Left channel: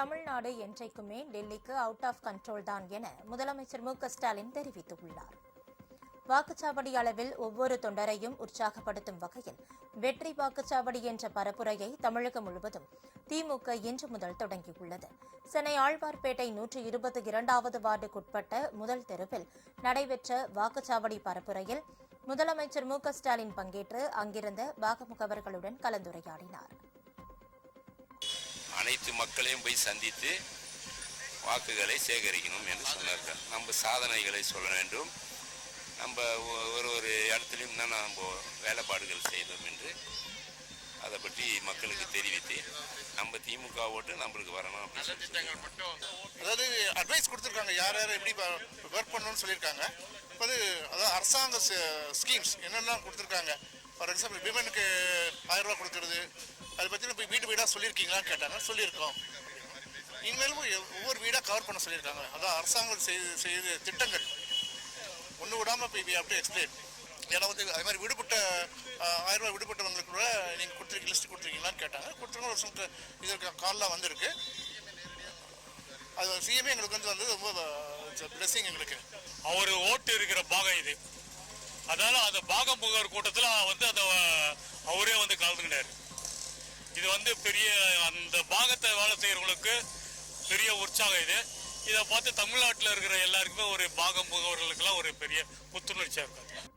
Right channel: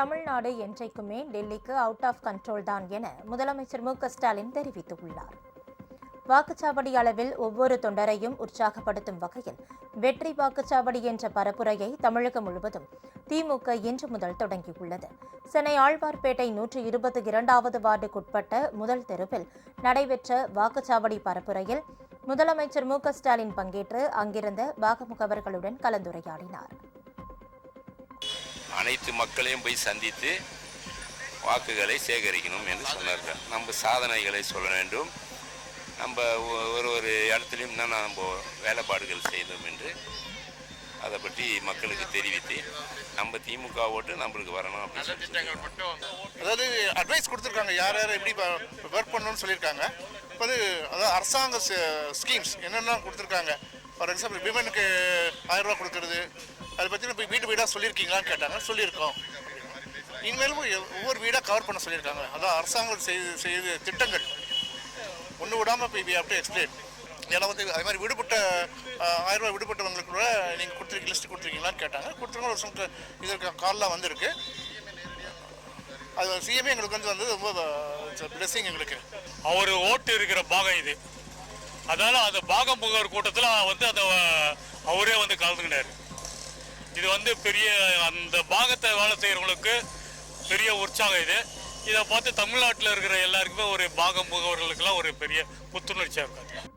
தமிழ்நாடு என்றைக்குமே டெல்லிக்கு out of control தான் என முதலமைச்சர் மு.க.ஸ்டாலின் தெரிவித்துள்ளார். வாக்குச்சாவடி அளவில் ஒவ்வொரு தொண்டரையும் உற்சாகப்படுத்தும் வகையில் வெற்றி வாக்குச்சாவடி என்ற பரப்புரையை தமிழகம் முழுவதும் திமுக இன்று முதல் தொடங்கியுள்ளது. சென்னை ஆழ்வார்பேட்டை 122வது வார்டுக்குட்பட்ட முதல் தெருவில் நடைபெற்ற வாக்குச்சாவடி பரப்புரையில் முதலமைச்சர் மு.க.ஸ்டாலின் பங்கேற்று அங்கிருந்த வாக்குமுகவர்களுடன் கலந்துரையாடினார். அனைத்து மக்களையும் போய் சந்தித்து வாக்குகளை சேகரிக்கணும் என்று சொன்னார்கள். நம்ம சாதனைகளை சொல்ல வேண்டும், நம்ம ஒரு இடத்துலையும் தான் நம்ம வேலைப்பாடுகள் செய்தோம் என்று அதை பற்றி மக்களுக்கு தெரிவித்து நம்ம திமுக ஓட்டு நம்மளுக்கு வரணும் அப்படின்னு அதாவது அட்வைஸ் கொடுத்துருக்காங்க, யார் யார் எப்படி ஒர்க் பண்ணணும்னு சொல்லியிருக்காங்க. இப்போ அதாவது அரசாங்க ஸ்கீம்ஸ் என்னென்ன கொடுத்துருக்காங்க. ஃபார் எக்ஸாம்பிள் விமனுக்கு 1000 ரூபா கொடுக்குறது, அதை பற்றி போய் வீடு வீடாக சொல்லியிருக்கீங்களான்னு கேட்டாங்க. சொல்லியிருக்கோம். இனிமேலும் ஒவ்வொரு வீடாக கவர் பண்ண சொல்லியிருக்காங்க. அதான் அரசாங்கம் செய்த திட்டங்கள் ஒன்று விடாமல் இப்போ வி ஹேவ் டு எக்ஸ்பிளைன். ஏன்னா அது மாதிரி விடுபட்ட 1000 ரூபா விடுபட்டவங்களுக்கு கூட நீங்கள் கொடுத்துருக்கீங்க, லிஸ்ட் கொடுத்துருக்கீங்களான்னு கேட்டாங்க. கொடுத்துருங்க. ஒரு சொந்த இதற்கு கால்லாம் வந்திருக்கு. அது சிஎம்ஏ எங்களுக்கு வந்து ரொம்ப பிளெஸிங். எங்களுக்கு அவர் ஓட்டு இருக்கிற பாகம் இது. அதனால அந்த பாகம் முகவர் கூட்டத்தில் அந்த அவரே கலந்துக்கிட்டாரு. இது பெரிய அந்த பாகத்தை வேலை செய்கிறவங்களுக்கு பெரிய உற்சாகம் இது. இதை பார்த்து தமிழ்நாட்டில் இருக்கிற எல்லாருக்குமே ஒரு பாகம் முகவர்களுக்கெல்லாம் ஒரு பெரிய புத்துணர்ச்சியாக இருக்காது.